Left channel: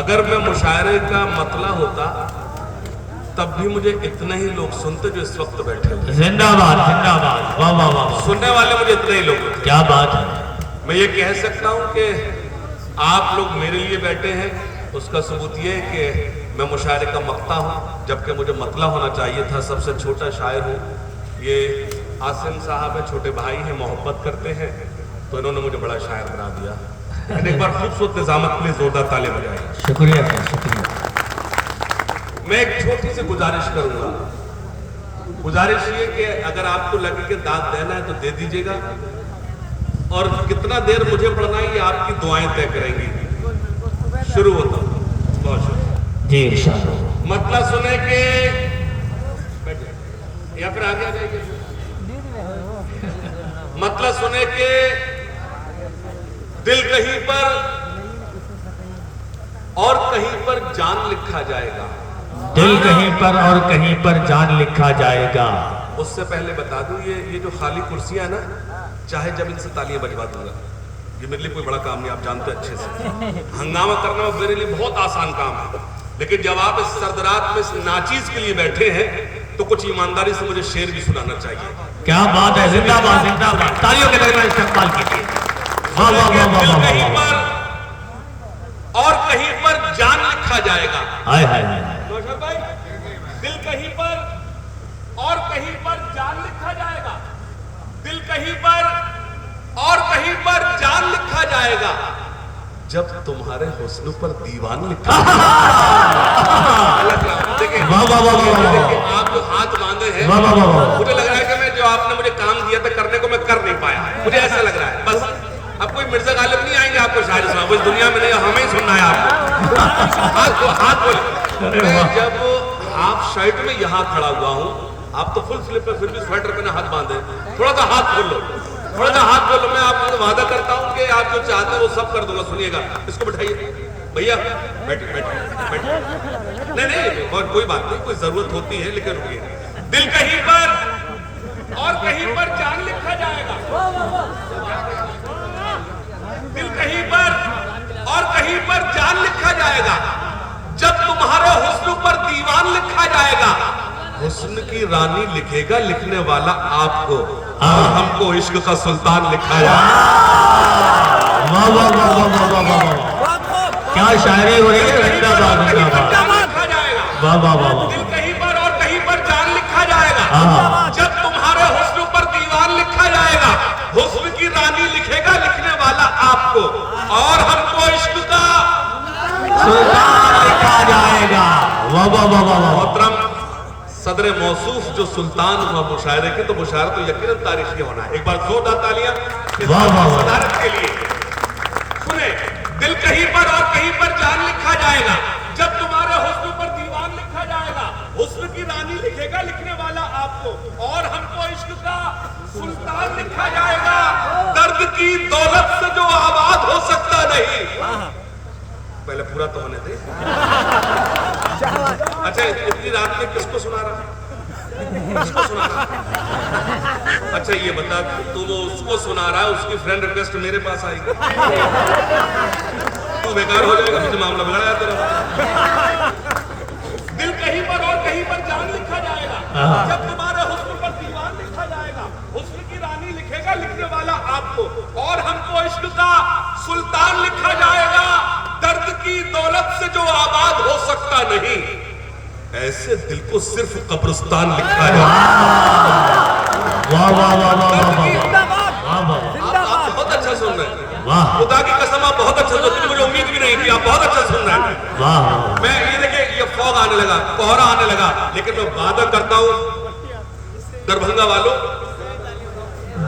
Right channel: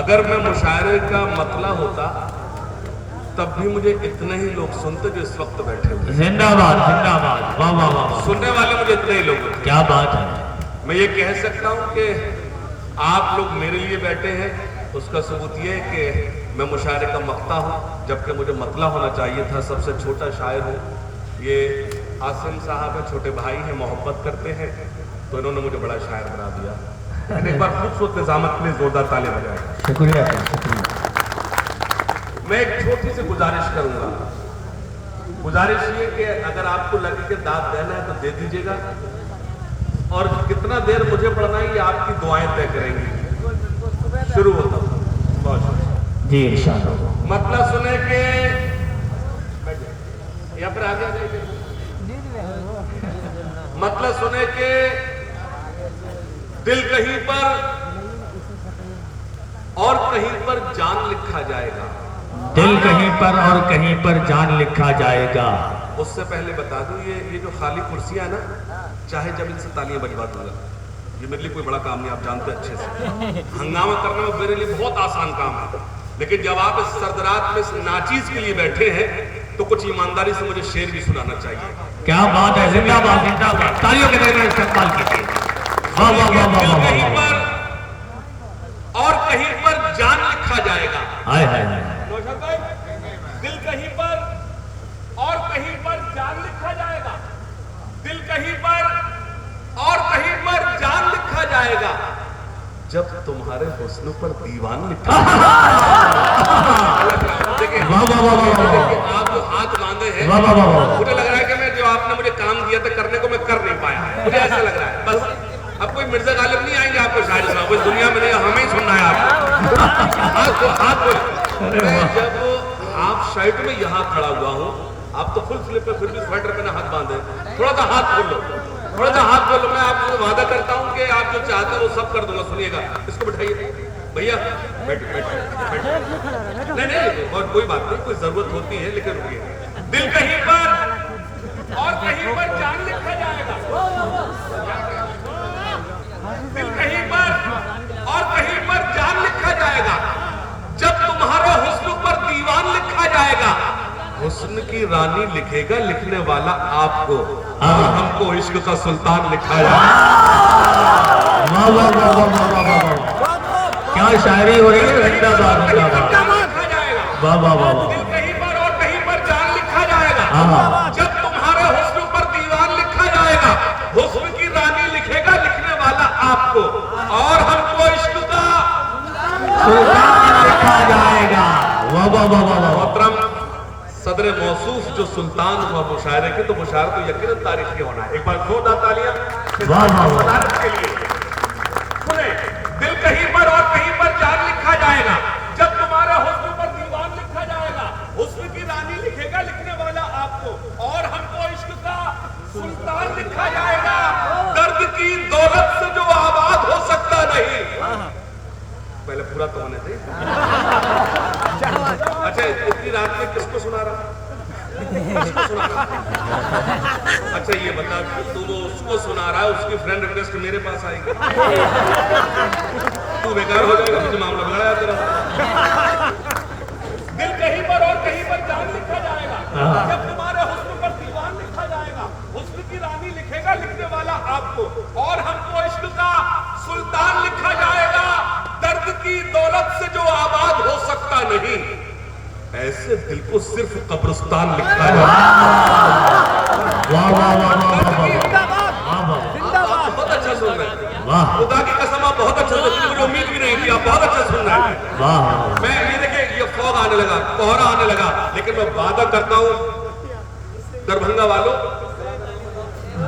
अगर मैं मुशायरे का मतला होता तब भी मुझे इतने ही लोग सुनते जो इस वक्त बैठे हैं। जिंदाबाद जिंदाबाद, वाह वाह वाह। सुनने वाले मुझे इतने ही लोग, क्या बात है। मैं ये कह सकता हूँ कि आप लोग मेरे लिए बैठे हैं, उसका सबूत ये है कि मैं मुशायरे का मक्ता हूँ, जबकि मुझे मतला होना चाहिए था। सबसे छोटा शायर हूँ। ये आसिम साहब है, छोटे भाई हैं, मोहब्बत करते हैं, तो इन्होंने मुझे बड़ा शायर बना दिया। एक बार खूबसूरत निजामत के लिए जोरदार ताली बजाएं। शुक्रिया शुक्रिया। मैं एक छोटी सी गुजारिश करूंगा। गुजारिश ये कि अगर आपको लगे कि दाद देना है तो दे दीजिएगा, और कितना देर मुझे पढ़ना है ये आपकी दुआएं तय करेंगी। शुरू होता हूं जी इंशाअल्लाह। मतलब सुने के या फिर आगे आ जाइए। मतलब सुने के दिल कहीं पर और कहीं पर जान लिखा जाएगा। दिल कहीं पर और कहीं पर जान लिखा जाएगा। उससे पहले बता दूं, ये जो खाली कुर्सियां है ना, चाहे जब इनसे तालियां बजवा दूंगा, ये मेरे लिए कोई बड़ा काम नहीं, आप जानते अच्छे से। हंगामा करना मेरे लिए बहुत आसान काम है, लेकिन जब आप इस सरदरात में इस नाचीज के लिए बैठे हैं तो कुछ ईमानदारी से मुझे शेर भी सुनाना चाहिए। क्या बात है, जिंदाबाद जिंदाबाद, तालियों के दरमियान इस्तेमाल कीजिए। कहीं पर और कहीं पर जान लिखा जाएगा। हाय हाय हाय। भाई, दिल कहीं पर और कहीं पर जान लिखा जाएगा। दिल कहीं पर और कहीं पर जान लिखा जाएगा। जब तुम्हारे हुस्न पर दीवान लिखा देखिए, आप जो हाथ बांधे हैं, मुझे लग रहा है कि मैं जो आपने मुझे काम दिया था करने को मैं कर नहीं पाया। मुझे ऐसा लग रहा है। बस अब कोई मिर्जा गालिब नहीं आएंगे आपको शायद साहब, इस दुनिया में नहीं, हमें ही सुनना है आपको। जब आप शर्ट में यहाँ खड़ा हुआ हूँ, आप तो फुल स्लीव पे फिर भी स्वेटर पहने हाथ बांधे, थोड़ा सा हाथ खोल लो, थोड़ा सा हाथ खोल लो। मैं आपको वादा करता हूँ कि आप जो चाहते हो वो सब कर दूंगा। सुनिएगा, इसको बिठाइए भैया, बैठिए बैठिए। नहीं नहीं, और कोई बात नहीं, कोई जरूरत होती है, लेकिन रुकिए। दिल कहीं पर और कहीं पर जान लिखा जाएगा। दिल कहीं पर और कहीं पर जान लिखा जाएगा। जब तुम्हारे हुस्न पर दीवान लिखा जाएगा, हुस्न की रानी लिखेगा लिखने वाला आपको, और हमको इश्क का सुल्तान लिखा क्या शायरी हो रही है। लिखा जाएगा। दिल कहीं पर और कहीं पर जान लिखा जाएगा। जब तुम्हारे हुस्न पर दीवान लिखा जाएगा, हुस्न की रानी लिखेगा लिखने वाला आपको, और हमको इश्क का सुल्तान लिखा जाएगा। वाह वाह वाह वाह। मोहतरम सदर मौसूफ जो सुल्तान हुआ मुशायरे के, तो मुशायरे तो यकीनन तारीखी होना है। एक बार जोरदार तालियां सदारत के लिए। सुने, दिल कहीं पर और कहीं पर जान लिखा जाएगा। जब तुम्हारे हुस्न पर दीवान लिखा जाएगा, हुस्न की रानी लिखेगा लिखने वाला आपको, और हमको इश्क का सुल्तान लिखा जाएगा। दर्द की दौलत से जो आबाद हो सकता नहीं। पहले पूरा तो होने दे। अच्छा, इतनी रात में किसको सुना रहा? अच्छा ये बता, तू वो उसको सुना रहा है, उसकी फ्रेंड रिक्वेस्ट मेरे पास आएगी, तू बेकार हो जाएगा, मुझे मामला बिगड़ा तेरा। दिल कहीं पर और कहीं पर जान लिखा जाएगा। जब तुम्हारे हुस्न पर दीवान लिखा जाएगा, हुस्न की रानी लिखेगा लिखने वाला आपको, और हमको इश्क का सुल्तान लिखा जाएगा। दर्द की दौलत से जो आबाद हो सकता नहीं, ऐसे दिल को सिर्फ कब्रिस्तान लिखा जाएगा। बहुत अच्छा सुन रहे हैं, खुदा की कसम आप बहुत अच्छा सुन रहे हैं। मुझे उम्मीद भी नहीं थी, आप बहुत अच्छा सुन रहे हैं। मैं ये देखिए, ये फॉग आने लगा, कोहरा आने लगा, लेकिन मैं वादा करता हूँ दरभंगा वालों,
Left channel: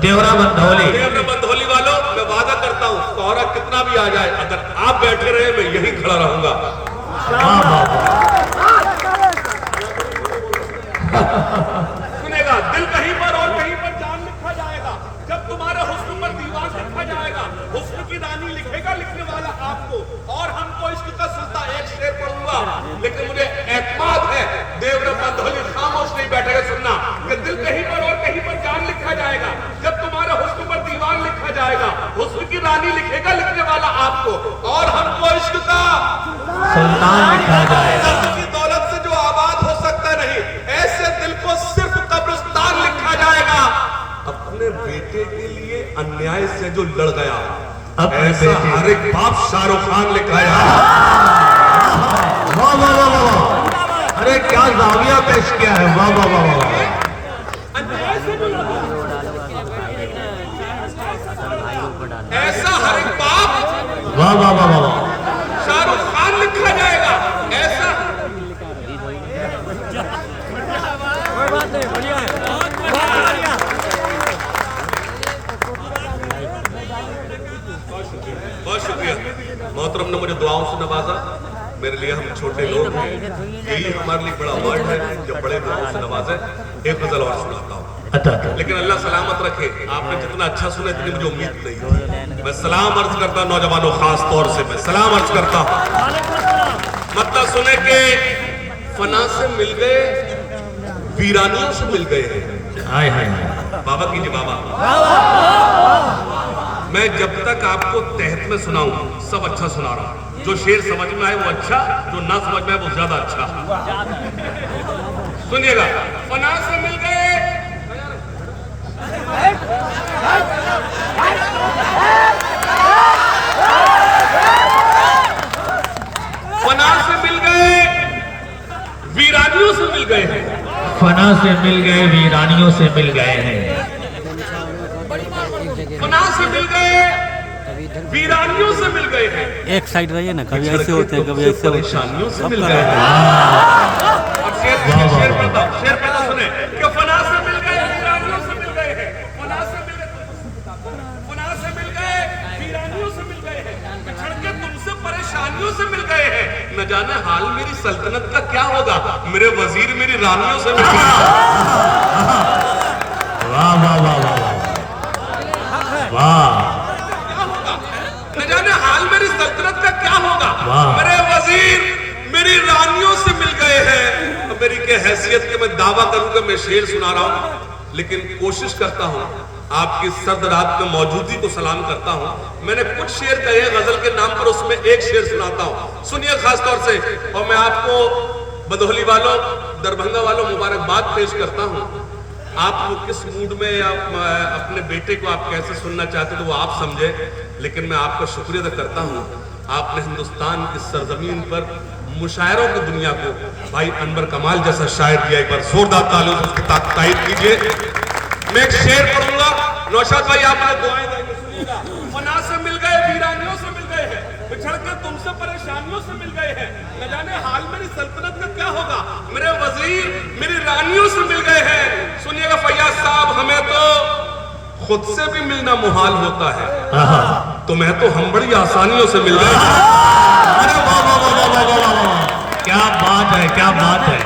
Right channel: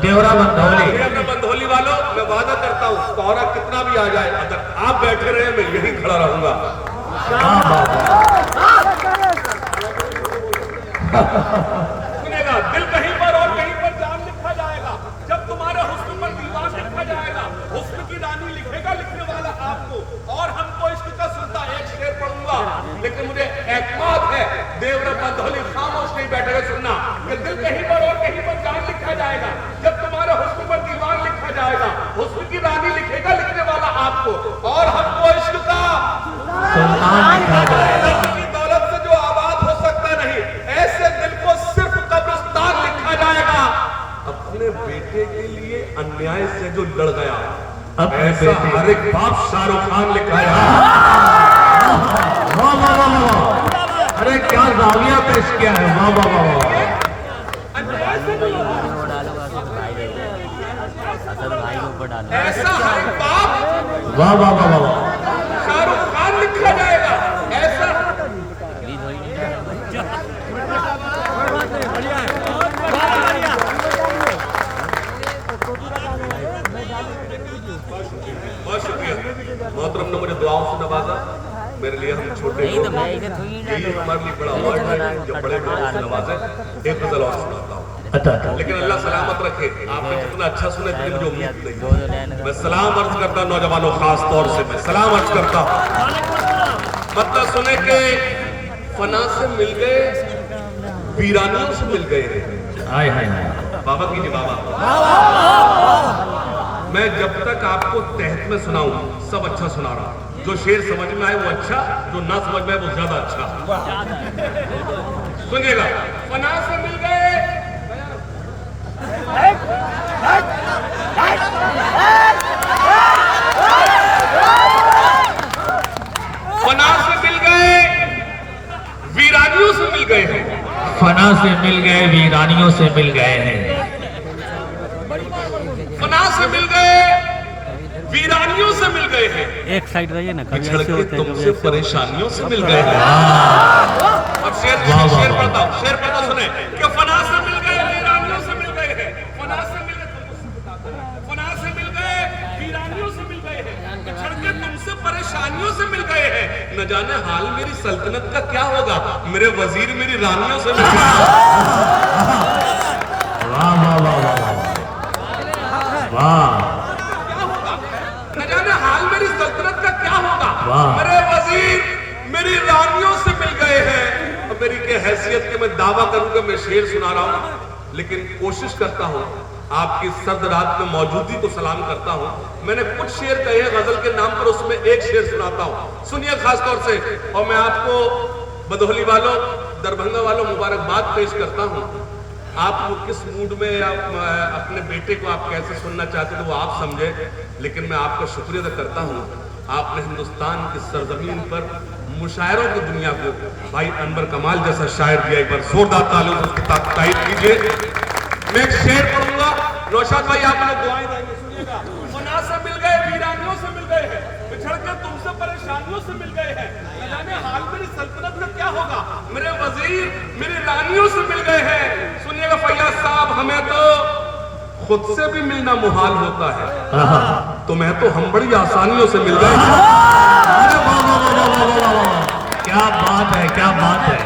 देवरा बंधोली वालों, मैं वादा करता हूँ कोहरा कितना भी आ जाए, अगर आप बैठे रहे मैं यहीं खड़ा रहूंगा। सुनेगा, दिल कहीं पर और कहीं पर जान लिखा जाएगा। जब तुम्हारे हुस्न पर दीवान लिखा जाएगा, हुस्न की रानी लिखेगा लिखने वाला आपको, और हमको इश्क का सुल्तान। एक शेर पढ़ूंगा, लेकिन मुझे एतमाद है देवरा बंधोली खामोश नहीं बैठे रहे सुनना, कि दिल कहीं पर और कहीं पर जान लिखा जाएगा। जब तुम्हारे हुस्न पर दीवान लिखा जाएगा, हुस्न की रानी लिखेगा लिखने वाला आप आपको, और हमको इश्क का सुल्तान लिखा जाएगा। की दौलत से जो आबाद हो सकता नहीं, ऐसे दिल को सिर्फ कब्रिस्तान लिखा जाएगा। अपने बेटे के लिए अन्याय से जो लड़ गया, ऐसा हर एक बाप शाहरुख खान लिखा है। वाह वाह वाह वाह, अरे क्या जाविया पेश किया है, वाह वाह वाह वाह। ऐसा हर एक बाप वाह वाह वाह वाह, शाहरुख खान लिखा जाएगा। ऐसा बहुत शुक्रिया मोहतरम ने मुझे दुआओं से नवाजा। मेरे लिए हम छोटे लोग, यही हमारे लिए बड़ा अवार्ड है जब बड़े लोगों से नवाजा। एक गजल और सुनाता हूँ, अच्छा अच्छा, लेकिन अल्लाह सलामत रखे। आपने जितना अच्छा सुना इतनी मुझे उम्मीद नहीं थी। मैं सलाम अर्ज करता हूँ नौजवानों, खास तौर से मैं सलाम अर्ज करता हूँ। मतलब सुने के फना से मिल गए, वीरानियों से मिल गए हैं। हाय हाय हाय, बाबा की बाबा, मैं जब तक आपको तहत में सुनाऊं सब अच्छा सुना रहा हूं। जो शेर समझ में आए वो अच्छा, जो ना समझ में आए वो ज्यादा अच्छा। सुनिएगा, फना से मिल गए, फना से मिल गए, वीरानियों से मिल गए हैं। फना से मिल गए, वीरानियों से मिल गए हैं। फना से मिल गए, वीरानियों से मिल गए हैं। एक साइड रहिए ना, कभी ऐसे होते हैं, कभी ऐसे परेशानियों से मिल गए हैं। अब शेर पता सुने कि फना से मिल गए, वीरानियों से मिल गए हैं। फना से मिल गए, वीरानियों से मिल गए हैं। बिछड़ के तुमसे परेशानियों से मिल गए हैं। न जाने हाल मेरी सल्तनत का क्या होगा, मेरे वजीर मेरी रानियों से मिल गए। वाह वाह वाह वाह वाह, न जाने हाल मेरी सल्तनत का क्या होगा, वाह। मेरे वजीर मेरी रानियों से मिल गए हैं। तो मेरी क्या हैसियत के मैं दावा करूंगा, मैं शेर सुना रहा हूं, लेकिन कोशिश करता हूं आपकी सर्द रात में मौजूदगी को सलाम करता हूं। मैंने कुछ शेर कहे गजल के नाम पर, उसमें एक शेर सुनाता हूं, सुनिए खास तौर से। और मैं आपको बदोहली वालों, दरभंगा वालों मुबारकबाद पेश करता हूं। आप किस मूड में या अपने बेटे को आप कैसे सुनना चाहते हो वो आप समझे, लेकिन मैं आपका शुक्रिया अदा करता हूँ। आपने हिंदुस्तान की सरजमीन पर मुशायरों की दुनिया को भाई अनवर कमाल जैसा शायर दिया। एक बार जोरदार तालियों से उसकी तारीफ कीजिए। मैं एक शेर पढ़ूंगा, नौशाद भाई आप लोग दुआएं देंगे, सुनिएगा। फना से मिल गए, वीरानियों से मिल गए हैं। बिछड़ कर तुमसे परेशानियों से मिल गए हैं। न जाने हाल मेरी सल्तनत का क्या होगा, मेरे वजीर मेरी रानियों से मिल गए हैं। सुनिएगा फैयाज साहब, हमें तो खुद से भी मिलना मुहाल होता है, तुम्हें तो हम बड़ी आसानियों से मिल गए हैं। अरे वाह वाह वाह वाह वाह, क्या बात है, क्या बात है।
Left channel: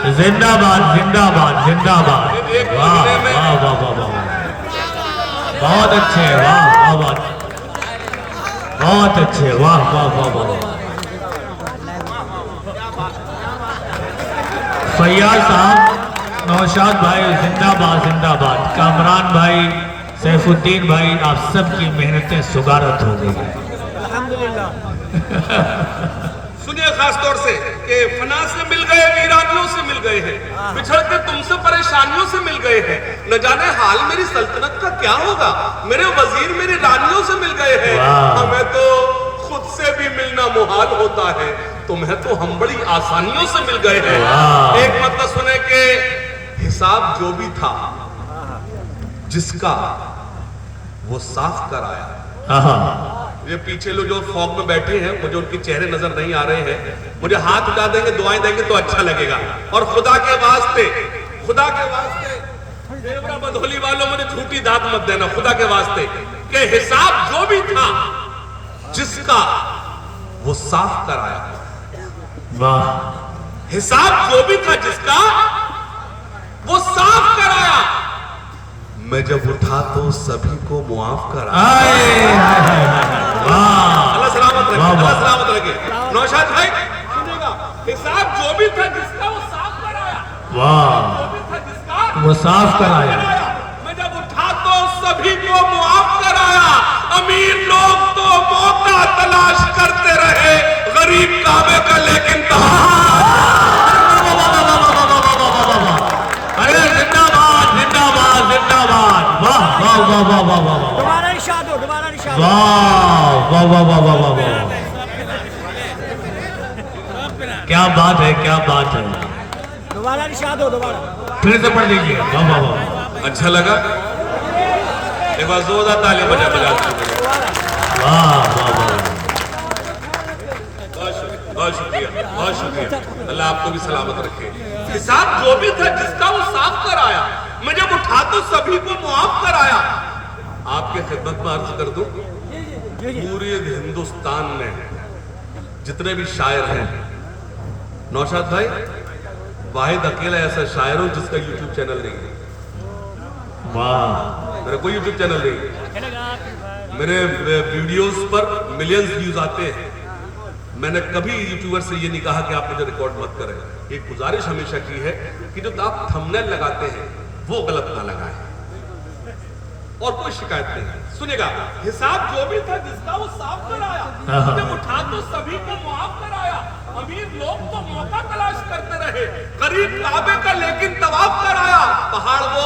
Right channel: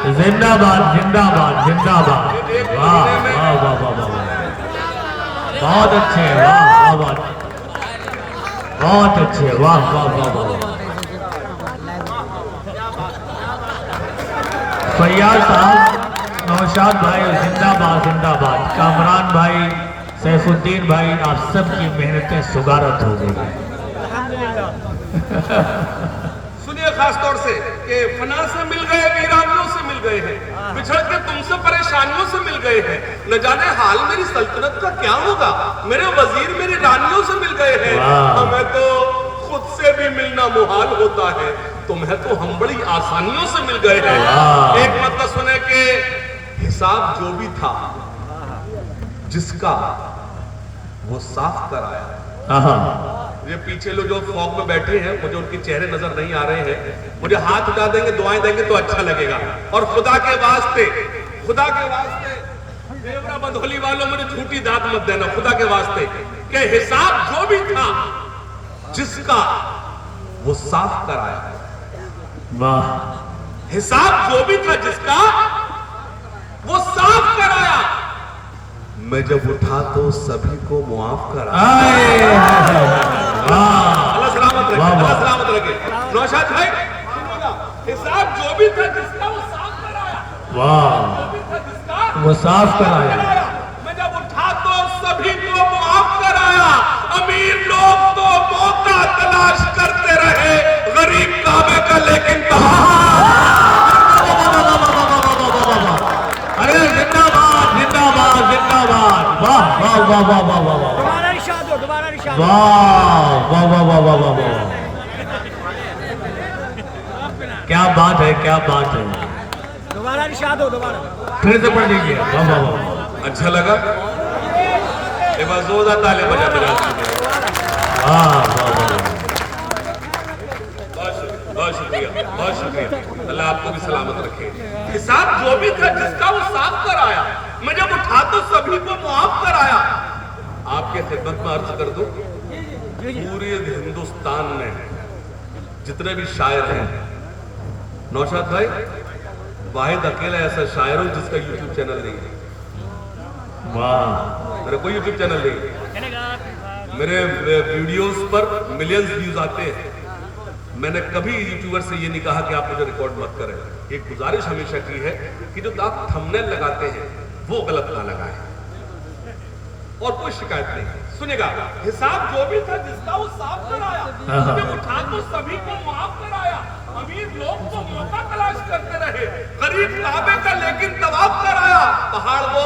जिंदाबाद जिंदाबाद जिंदाबाद, वाह वाह वाह वाह वाह, बहुत अच्छे, वाह वाह वाह, बहुत अच्छे, वाह वाह वाह वाह। फैयाज साहब, नौशाद भाई जिंदाबाद जिंदाबाद, कामरान भाई, सैफुद्दीन भाई, आप सबकी मेहनतें सुगारत हो गई। सुनिए खास तौर से कि फना से मिल गए, वीरानियों से मिल गए हैं। बिछड़ के तुमसे परेशानियों से मिल गए हैं। न जाने हाल मेरी सल्तनत का क्या होगा, मेरे वजीर मेरी रानियों से मिल गए हैं। हमें तो खुद से भी मिलना मुहाल होता है, तुम्हें तो हम बड़ी आसानियों से मिल गए हैं। एक मतलब सुने के हिसाब जो भी था जिसका, वो साफ कराया। ये पीछे लोग जो फॉग में बैठे हैं, मुझे उनके चेहरे नजर नहीं आ रहे हैं, मुझे हाथ उठा देंगे, दुआएं देंगे तो अच्छा लगेगा। और खुदा के वास्ते देवरा बंधोली वालों, मुझे झूठी दात मत देना, खुदा के वास्ते कि हिसाब जो भी था जिसका, वो साफ कराया। वाह, हिसाब जो भी था जिसका, वो साफ कराया। मैं जब उठा तो सभी को मुआफ कराया। अल्लाह सलामत रखे, अल्लाह सलामत रखे। नौशाद भाई सुनिएगा, हिसाब जो भी था जिसका, वो साफ कराया। वाह, जो भी था जिसका, वो साफ कराया। मैं जब उठा तो सभी को मुआफ कराया। अमीर लोग तो मौका वाह वाह वाह वाह वाह वाह, क्या बात है, क्या बात है। दोबारा निशाद हो, दोबारा फिर से पढ़ लीजिए। वाह वाह वाह, अच्छा लगा? एक बार जोरदार ताली बजा बजा। वाह वाह वाह, बहुत शुक्रिया, बहुत शुक्रिया। अल्लाह आपको भी सलामत रखे। हिसाब जो भी था जिसका वो साफ कराया, मैं जब उठा तो सभी को मुआफ कराया। आपके खिदमत में अर्ज कर दूं, पूरे हिंदुस्तान में जितने भी शायर हैं, नौशाद भाई वाहिद अकेला ऐसा शायर हूं जिसका यूट्यूब चैनल नहीं है। वाह, मेरा कोई यूट्यूब चैनल नहीं है। मेरे वीडियोस पर मिलियंस व्यूज आते हैं। मैंने कभी यूट्यूबर से ये नहीं कहा कि आप मुझे रिकॉर्ड मत करें। एक गुजारिश हमेशा की है कि जो आप थंबनेल लगाते हैं वो गलत ना लगाएं, और कोई शिकायत नहीं है। सुनिएगा, हिसाब जो भी था जिसका वो साफ कराया, जब उठा तो सभी को मुआफ कराया। अमीर लोग तो मौका तलाश करते रहे, गरीब काबे का लेकिन तवाफ कराया। पहाड़ वो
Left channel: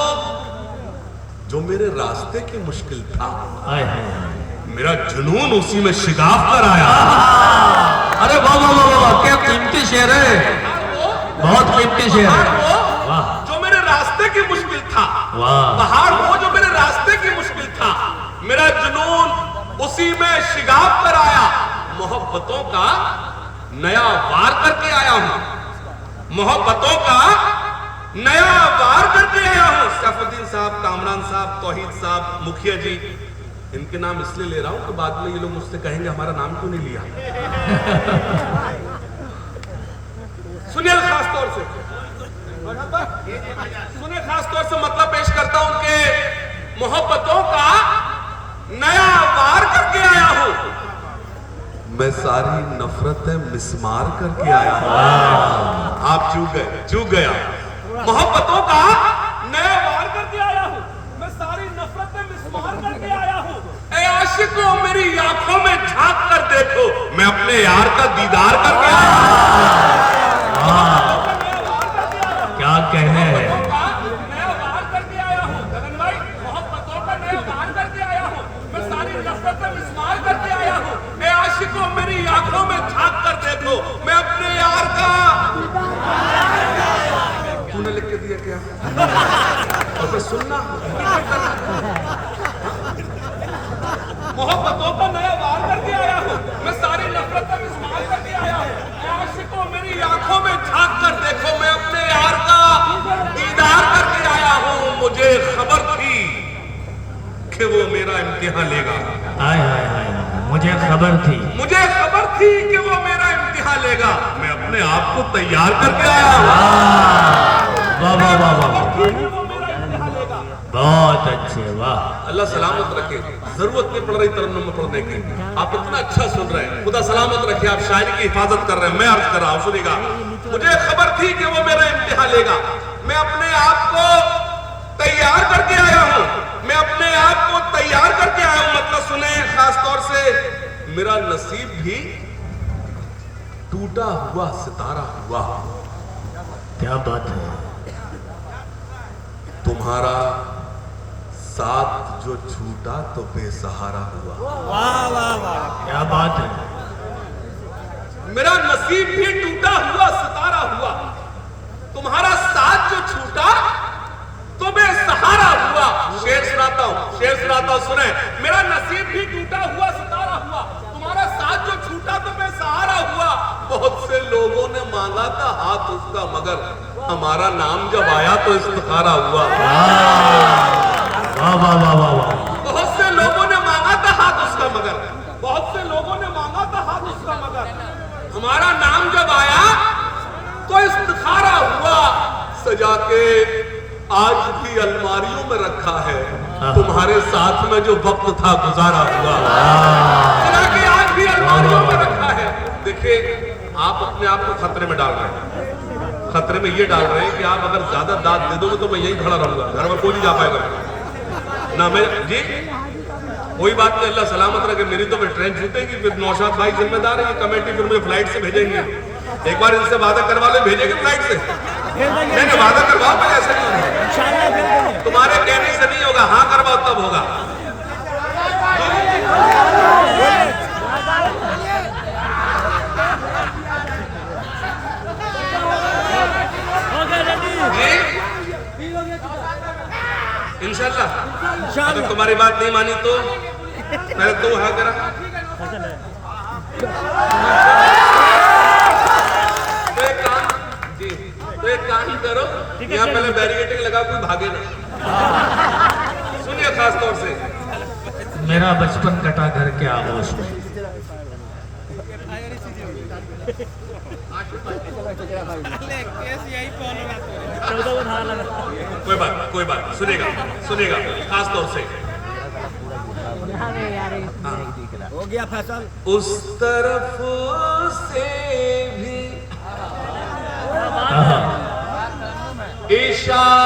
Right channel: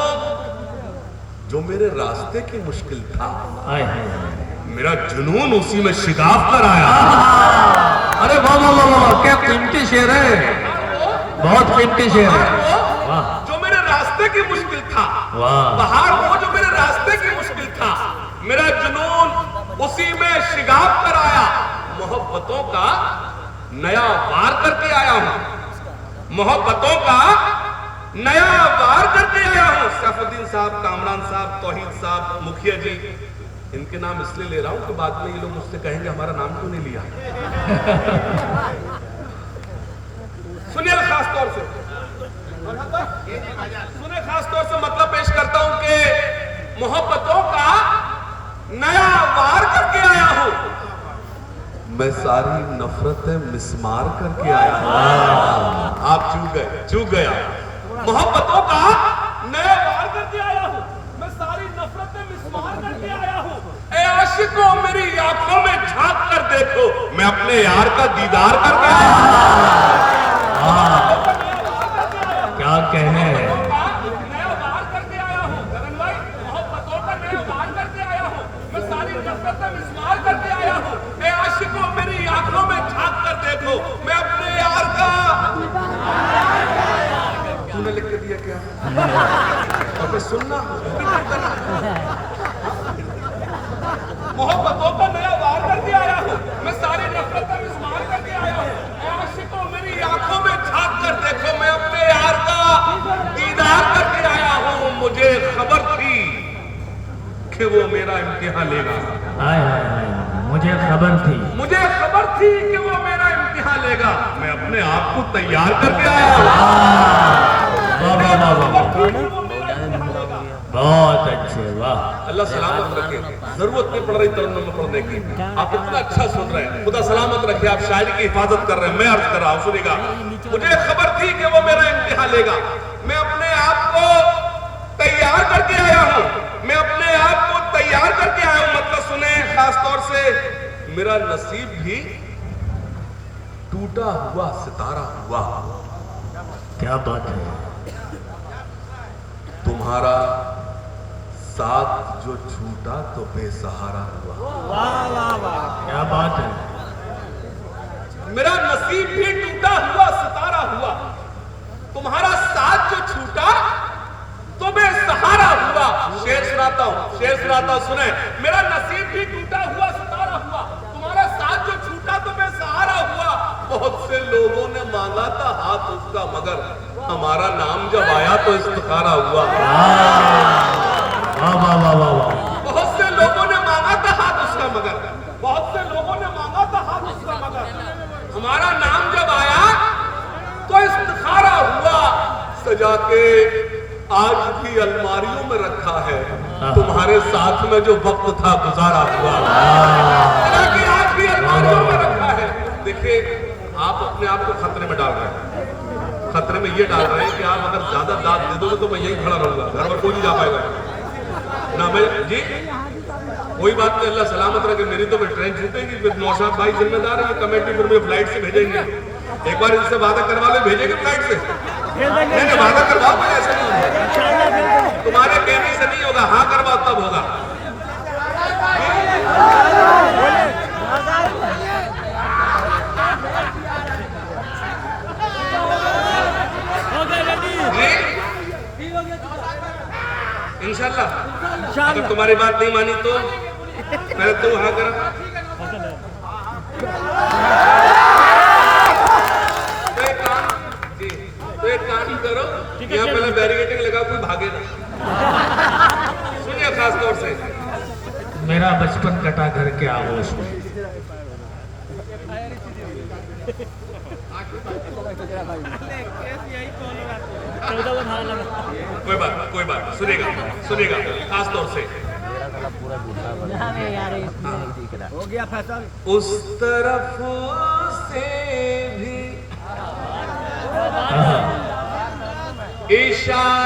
जो मेरे रास्ते की मुश्किल था, हाय हाय, मेरा जुनून उसी में शिगाफ कराया। अरे वाह वाह वाह वाह, क्या कीमती शेर है, बहुत कीमती शेर है। वाह जो मेरे रास्ते की मुश्किल था, वाह, पहाड़ वो जो मेरे रास्ते की मुश्किल था, मेरा जुनून उसी में शिगाफ कराया। मोहब्बतों का नया वार करके आया हूं, मोहब्बतों का नया वार करके आया हूं। सैफुद्दीन साहब, कामरान साहब, तौहीद साहब, मुखिया जी, इनके नाम इसलिए ले रहा हूं कि बाद में ये लोग मुझसे कहेंगे हमारा नाम क्यों नहीं लिया। सुनिए खास तौर से, सुनिए खास तौर से मतलब पेश करता हूं कि मोहब्बतों का नया वार करके आया हूं, मैं सारी नफरतें मिसमार करके आया हूं। आप चूक गया। मोहब्बतों का नया वार करके आया हूं, मैं सारी नफरतें मिसमार करके आया हूं। ए आशिकों, मेरी आंखों में झांक कर देखो, मैं अपने यार का दीदार करके आया हूं। क्या कहने हैं। नया वार करके आया हूं गगन भाई, मोहब्बतों का नया वार करके आया हूं, मैं सारी नफरतें मिसमार करके आया हूं। ए आशिकों, मेरी आंखों में झांक कर देखो, मैं अपने यार का। तूने लिख के दिया क्या? तो सुनना। मोहब्बतों का नया वार करके आया हूं, मैं सारी नफरतें मिसमार करके आया हूं। ए आशिकों, मेरी आंखों में झांक कर देखो, मैं अपने यार का दीदार करके आया हूं। मुझे खबर थी कि वो मेरा इम्तिहान लेगा। हाय हाय हाय, मुझे खबर थी, मुझे खबर थी कि वो मेरा इम्तिहान लेगा। मैं अपने आप को तैयार करके आया हूं। वाह वाह वाह वाह, वो मेरा इम्तिहान लेगा। बहुत अच्छे, वाह। अल्लाह सलामत रखे। जरूरत नहीं पड़ रही तरन्नुम में पढ़ने की, आप इतना अच्छा सुन रहे हैं। खुदा सलामत रखे, आप शायरी की हिफाजत कर रहे हैं। मैं अर्ज कर रहा हूं, सुनिएगा। मुझे खबर थी कि वो मेरा इम्तिहान लेगा, मैं अपने आप को तैयार करके आया हूं, मैं अपने आप को तैयार करके आया हूं। मतलब सुने खास तौर से, मेरा नसीब भी टूटा हुआ सितारा हुआ। क्या बात है। तुम्हारा साथ जो छूटा तो बेसहारा हुआ। वाह वाह वाह, क्या बात है। मेरा नसीब भी टूटा हुआ सितारा हुआ, तुम्हारा साथ जो छूटा तो बेसहारा हुआ। शेर सुनाता हूं, सुने। मेरा नसीब भी टूटा हुआ सितारा हुआ, तुम्हारा साथ जो छूटा तो बेसहारा हुआ। बहुत से लोगों ने मांगा था हाथ उसका, मगर हमारा नाम जब आया तो इस्तिखारा हुआ। वाह वाह वाह वाह वाह, बहुत से लोगों ने मांगा था हाथ उसका, मगर बहुत से लोगों ने मांगा था हाथ उसका, मगर हमारा नाम जब आया तो इस्तिखारा हुआ। सजा के आज भी अलमारियों में रखा है, तुम्हारे साथ में जो वक्त था गुजारा हुआ। सजा के आज भी अलमारियों में रखा है। देखिए, आप अपने आप को खतरे में डाल रहे हैं। खतरे में ये डाल रहे हैं कि आप अगर ज्यादा दाद दे दोगे तो मैं यही खड़ा रहूंगा, घर में कोई नहीं जा पाएगा ना। मैं जी कोई बात नहीं, अल्लाह सलामत रखे। मेरी तो ट्रेन छूटेगी, फिर नौशाद भाई जिम्मेदार है, ये कमेटी फिर मुझे फ्लाइट से भेजेंगे। एक बार इनसे वादा करवा ले, भेजेंगे फ्लाइट से। नहीं वादा करवा दो, ऐसे नहीं इंशाल्लाह भेज देंगे। तुम्हारे कहने से नहीं होगा, हाँ करवा तब होगा। इंशाल्लाह अगर तुम्हारी बात नहीं मानी तो पहले तो है करा तो एक काम करो यहाँ पहले बैरिकेडिंग लगा कोई भागे ना सुनिए खास तौर से मेरा बचपन कटा घर के आगोश में। कोई बात सुनेगा सुनेगा खास तौर से हो गया फैसल उस तरफ से भी इशारा